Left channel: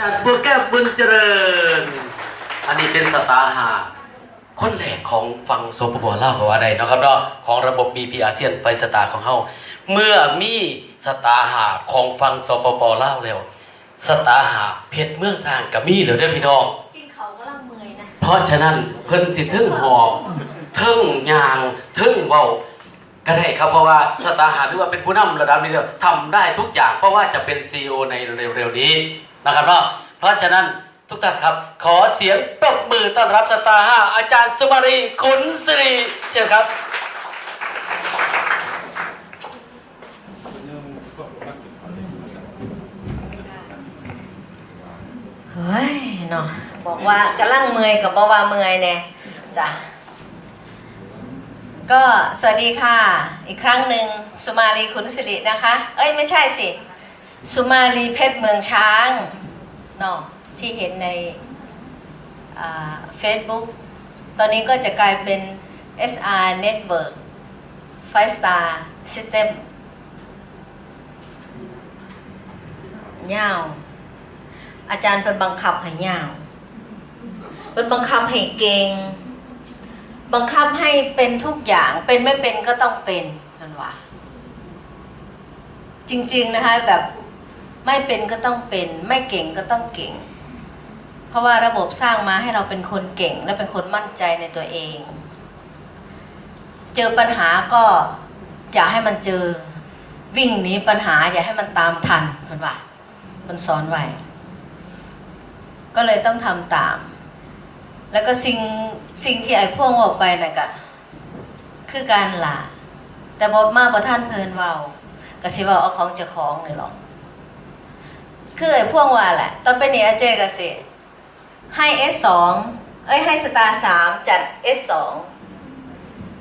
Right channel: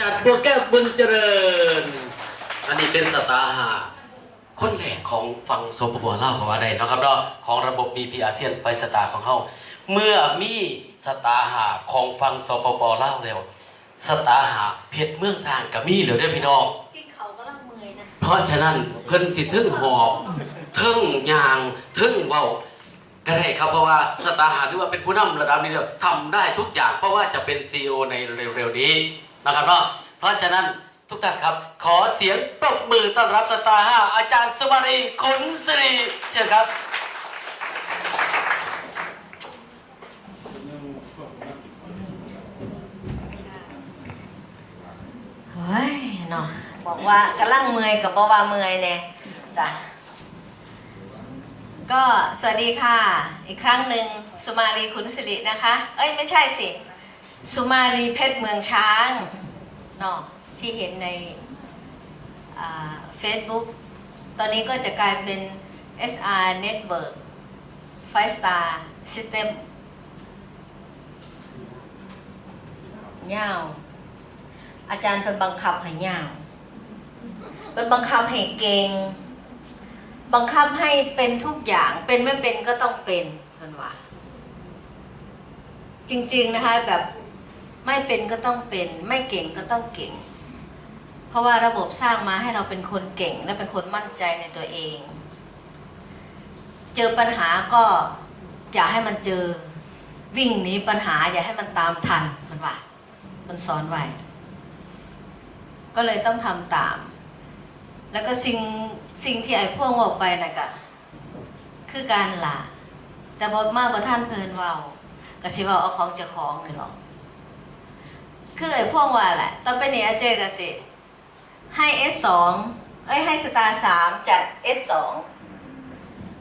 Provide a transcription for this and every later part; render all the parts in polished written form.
จากบัวแก้วบุญเจริญอันนี้เป็นสตาร์หาคนแรกของฝั่งโซปปลาวของอะไรนะครับเนาะของระบบ BP อาเซียนไปสตาร์ของเขาเมื่อมีสตาร์หาของฝั่งโซปปลาวแล้วสตาร์หาเพชรเมืองสร้างกับมีเหลือเด้อพี่น้องกินเขาก็ลังเมื่อยนะเพราะฉะนั้นเพิ่นสิทึ่งหอบทึ่งยางทึ่งเว้าก็ได้ครับเพราะว่าสตาร์หาหรือว่าเป็นผู้นำระดับนี้แล้วทำได้ทุกอย่างเพราะว่าจะเป็น CEO ในเร็วๆนี้นะครับเนาะเพราะฉะนั้นทุกท่านครับขอเสียงปรบมือต้อนรับสตาร์ห้าอาจารย์สุมารีขุนศิริเชิญครับเฮ้ยเนาะบอกว่ากำลังเมื่อยกับบ่ว่าเมื่อยเนี่ยจ้ะก็สวัสดีค่ะอีกครั้งหนึ่งสุมาลีขุนศิรินะคะเอ้ยไม่ใช่สิสุมาลีเพชรเมืองช้างเนาะที่เห็นในFacebook ตอนนี้ก็จะกลายเป็น SR Network 5 Star System ยาวอาจารย์เป็นบังคับให้ยาวเป็นบังคับให้เก่งบังคับให้เป็นทุกอย่างเป็นไม่เป็นก็ต้องเป็นนั่นว่าจริงๆนะคะแบบไม่เป็นก็ต้องเป็นไม่เก่งก็ต้องเก่งเพราะว่าระบบสร้างมาให้เราเป็นคนเก่งและเป็นคนมั่นใจในตัวเองเจอปัญหาก็อย่าให้มันเจอวิ่งหนีปัญหาอย่าให้มันตามทันมันว่ามันสอนไว้ก็เลยต้องทำตามแล้วก็สิ่งที่ไอ้พวกออกไปน่ะก็คือการหลาแต่บทมากบ่ท่านเพลินเว้าก็สิเว้าเอาของเจ้าของนี่หรอกคือไอ้พวกว่าแหละตอนไปนี่อาเจก็สิให้ S2 ให้สตาร์3จัด S2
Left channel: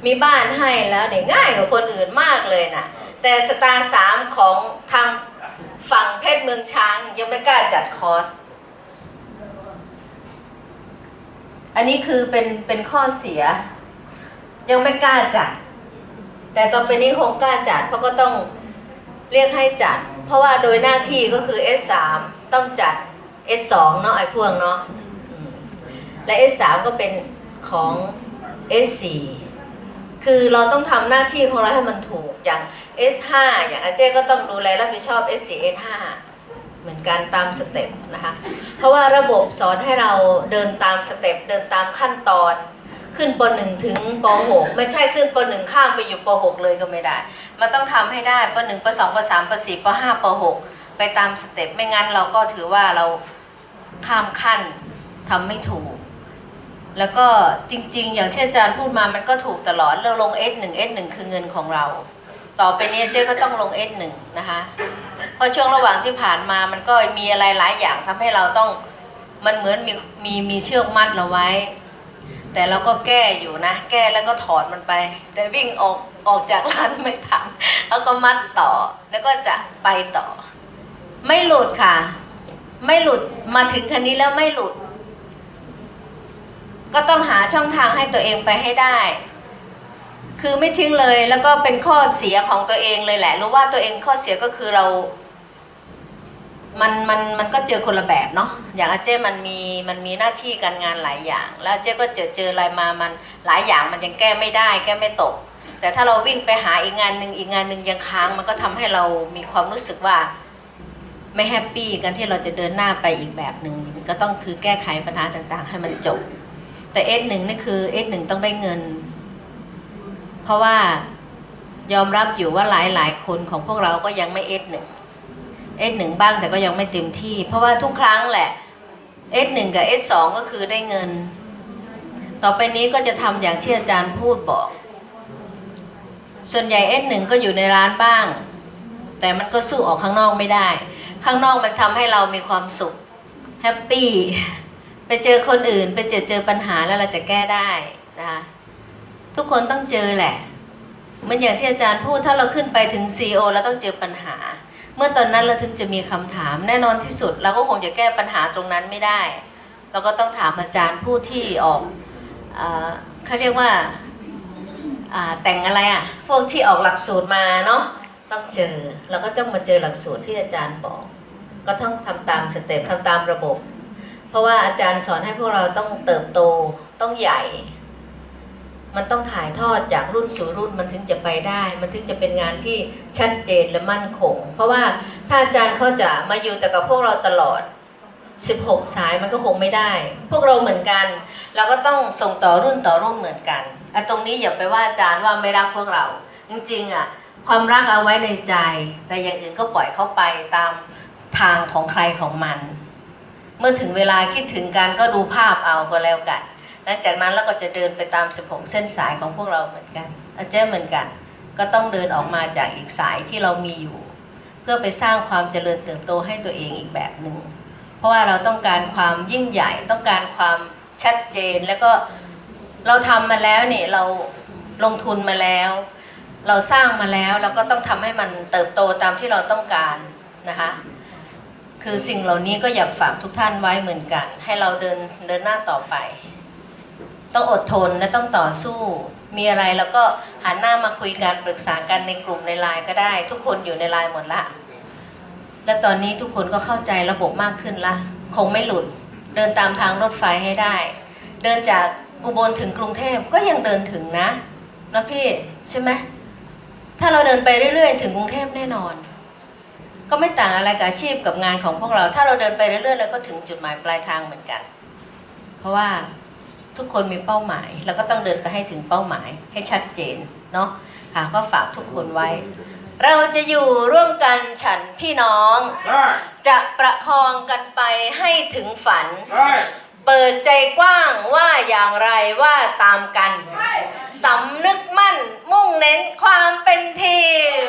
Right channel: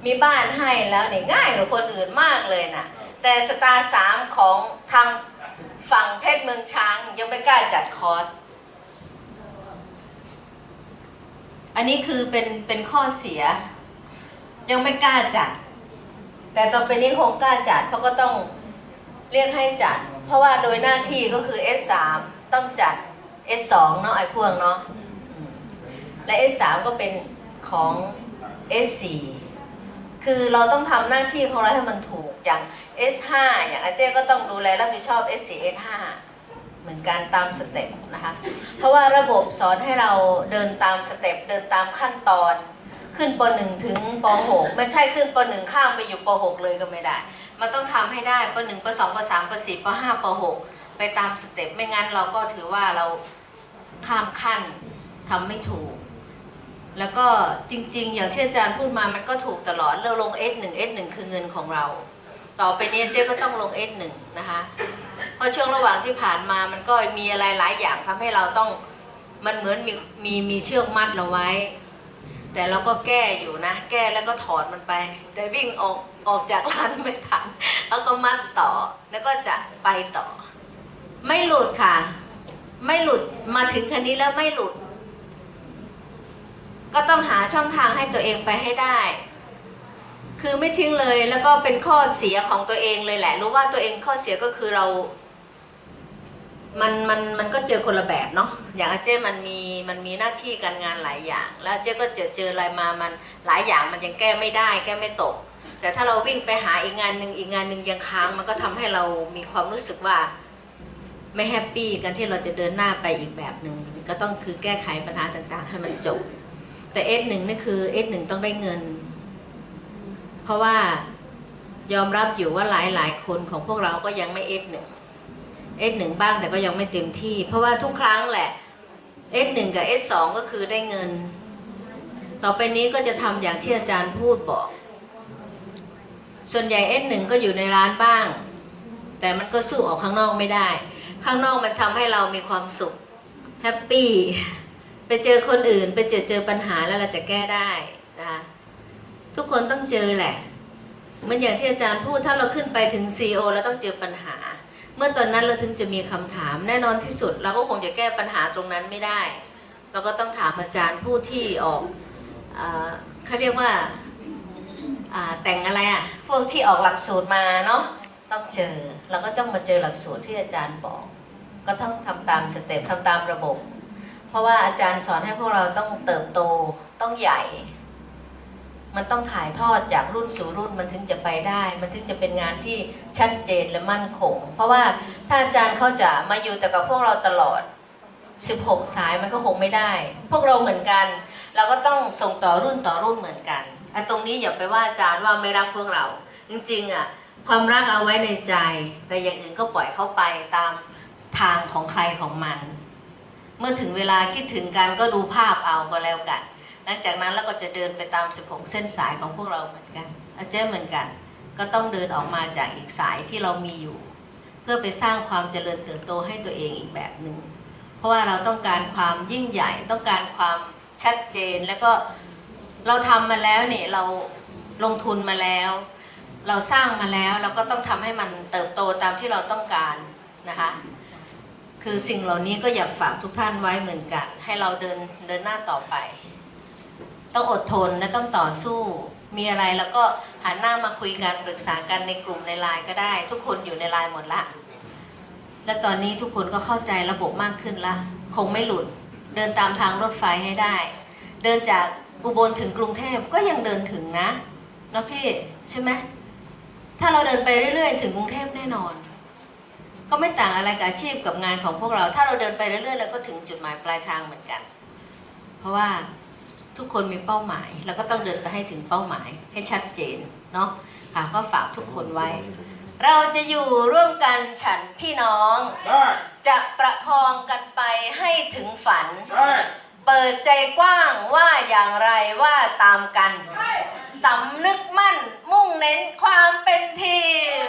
มีบ้านให้แล้วเนี่ยง่ายกว่าคนอื่นมากเลยนะแต่สตาร์3ของทางฝั่งเพชรเมืองช้างยังไม่กล้าจัดคอร์สอันนี้คือเป็นข้อเสียยังไม่กล้าจัดแต่ต่อไปนี้คงกล้าจัดเพราะก็ต้องเรียกให้จัดเพราะว่าโดยหน้าที่ก็คือ S3 ต้องจัด S2 เนาะไอ้พวกเนาะและ S3 ก็เป็นของ S4 คือเราต้องทำหน้าที่ของเราให้มันถูกอย่าง S5 อย่างอาเจ้ก็ต้องดูแลรับผิดชอบ S4 S5 เหมือนกันตามสเต็ปนะคะเพราะว่าระบบสอนให้เราเดินตามสเต็ปเดินตามขั้นตอนขึ้นป.1 ถึงป.6 ไม่ใช่ขึ้นป.1 ข้ามไปอยู่ป.6 เลยก็ไม่ได้มันต้องทำให้ได้ป.1 ป.2 ป.3 ป.4 ป.5 ป.6 ไปตามสเต็ปไม่งั้นเราก็ถือว่าเราข้ามขั้นทำไม่ถูกแล้วก็จริงๆอย่างที่อาจารย์พูดมามันก็ถูกตลอดเราลง S1 S1 คือเงินของเราต่อไปนี้เจ๊ก็ต้องลง S1 นะคะเพราะช่วงระหว่างที่ผ่านมามันก็มีอะไรหลายอย่างทำให้เราต้องมันเหมือนมีเชือกมัดเราไว้แต่เราก็แก้อยู่นะแก้แล้วก็ถอดมันไปแต่วิ่งออกจากร้านไม่ทันแล้วก็มัดต่อแล้วก็จะไปต่อไม่หลุดค่ะไม่หลุดมาถึงคันนี้แล้วไม่หลุดก็ต้องหาช่องทางให้ตัวเองไปให้ได้คือไม่ทิ้งเลยแล้วก็เป็นข้อเสียของตัวเองเลยแหละรู้ว่าตัวเองข้อเสียก็คือเรามันก็เจอคนละแบบเนาะอย่างอาเจ้มันมีหน้าที่การงานหลายอย่างแล้วอาเจ้ก็เจออะไรมามันหลายอย่างมันยังแก้ไม่ได้แก้ไม่ตกแต่ถ้าเราวิ่งไปหาอีกงานหนึ่งยังค้างมันก็ทำให้เรามีความรู้สึกว่าไม่แฮปปี้กันที่เราจะเดินหน้าไปอีกแบบหนึ่งก็ต้องคือแก้ไขปัญหาต่างๆให้มันจบแต่ S1 นี่คือ S1 ต้องได้เงินเพราะว่ายอมรับอยู่ว่าหลายคนของพวกเราก็ยังไม่ S1 บ้างแต่ก็ยังไม่เต็มที่เพราะว่าทุกครั้งแหละ S1 กับ S2 ก็คือได้เงินต่อไปนี้ก็จะทำอย่างที่อาจารย์พูดบอกส่วนใหญ่ S1 ก็อยู่ในร้านบ้างแต่มันก็สู้ออกข้างนอกไม่ได้ข้างนอกมันทำให้เรามีความสุขแฮปปี้ไปเจอคนอื่นไปเจอปัญหาแล้วเราจะแก้ได้นะทุกคนต้องเจอแหละเหมือนอย่างที่อาจารย์พูดถ้าเราขึ้นไปถึง CEO เราต้องเจอปัญหาเมื่อตอนนั้นเราถึงจะมีคำถามแน่นอนที่สุดเราก็คงจะแก้ปัญหาตรงนั้นไม่ได้เราก็ต้องถามอาจารย์ผู้ที่ออกเขาเรียกว่าแต่งอะไรพวกที่ออกหลักสูตรมาเนาะต้องเจอเราก็ต้องมาเจอหลักสูตรที่อาจารย์บอก ก็ต้องทำตามสเต็ปทำตามระบบ เพราะว่าอาจารย์สอนให้พวกเราต้องเติบโตต้องใหญ่ มันต้องถ่ายทอดจากรุ่นสู่รุ่นมันถึงจะไปได้ มันถึงจะเป็นงานที่ชัดเจนและมั่นคง เพราะว่าถ้าอาจารย์เขาจะมาอยู่แต่กับพวกเราตลอด16 สายมันก็คงไม่ได้ พวกเราเหมือนกัน เราก็ต้องส่งต่อรุ่นต่อรุ่นเหมือนกันไอ้ตรงนี้อย่าไปว่าอาจารย์ว่าไม่รักพวกเรา จริงๆอ่ะความรักเอาไว้ในใจ แต่อย่างอื่นก็ปล่อยเข้าไปตามทางของใครของมัน เมื่อถึงเวลาคิดถึงกันก็ดูภาพเอาก็แล้วกันหลังจากนั้นเราก็จะเดินไปตาม16 เส้นสายของพวกเราเหมือนกันอาจารย์เหมือนกัน ก็ต้องเดินออกมาจากอีกสายที่เรามีอยู่ เพื่อไปสร้างความเจริญเติบโตให้ตัวเองอีกแบบหนึ่งเพราะว่าเราต้องการความยิ่งใหญ่ต้องการความชัดเจนแล้วก็เราทำมาแล้วเนี่ยเราลงทุนมาแล้ว เราสร้างมาแล้วเราก็ต้องทำให้มันเติบโตตามที่เราต้องการนะคะคือสิ่งเหล่านี้ก็อยากฝากทุกท่านไว้เหมือนกันให้เราเดินหน้าต่อไปต้องอดทนและต้องต่อสู้มีอะไรแล้วก็หันหน้ามาคุยกันปรึกษากันในกลุ่มในไลน์ก็ได้ทุกคนอยู่ในไลน์หมดละและตอนนี้ทุกคนก็เข้าใจระบบมากขึ้นละคงไม่หลุดเดินตามทางรถไฟให้ได้เดินจากอุบลถึงกรุงเทพก็ยังเดินถึงนะพี่ใช่ไหมถ้าเราเดินไปเรื่อยๆถึงกรุงเทพแน่นอนก็ไม่ต่างอะไรกับอาชีพกับงานของพวกเราถ้าเราเดินไปเรื่อยๆเราก็ถึงจุดหมายปลายทางเหมือนกันเพราะว่าทุกคนมีเป้าหมายแล้วก็ต้องเดินไปให้ถึงเป้าหมายให้ชัดเจนเนาะก็ฝากทุกคนไว้เราจะอยู่ร่วมกันฉันพี่น้องจะประคองกันไปให้ถึงฝันเปิดใจกว้างว่าอย่างไรว่าตามกันสำนึกมั่นมุ่งเน้นความเป็นทีม